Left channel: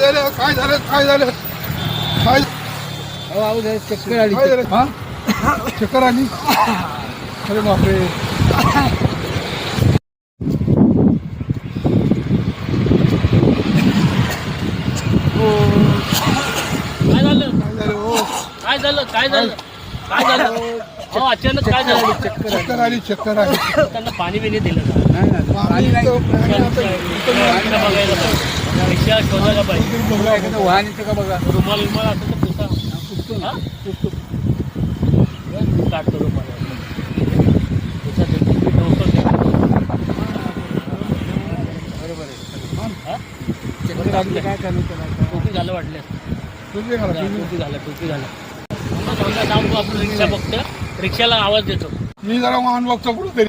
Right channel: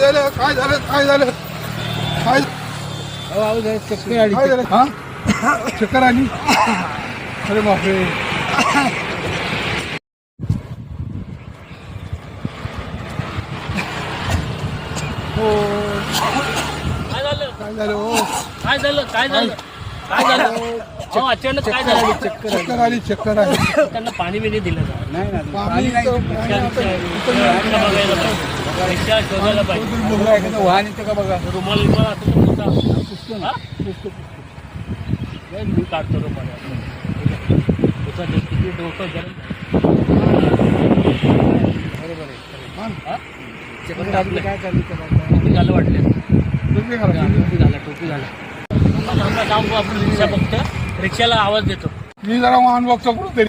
झालं काय झालं काय झालं काय चक्कर आली. काय झालं हा चक्कर आली अरे बापरे काय झालं काय झालं हो काय झालं काय झालं काय झालं हो अचानक काय झालं चक्कर आली त्यांना पाणी बिणी दिलं का पाणी नाही तर पाणी आता बघायला पाहिजे रिक्षा शोधायला पाहिजे वाहन येतं का बघा. रुमाल विमाल असं तर पुसतो ना मी काढतो रुमाल बरोबर आहे काय करणार त्याला टोपी झालं वाटतं टोपी घाला. टोपी झालं थांबा आपण रिक्षा बघतो रिक्षाला आवाज देतो मी जरा वाहन बघतो कुठं तरी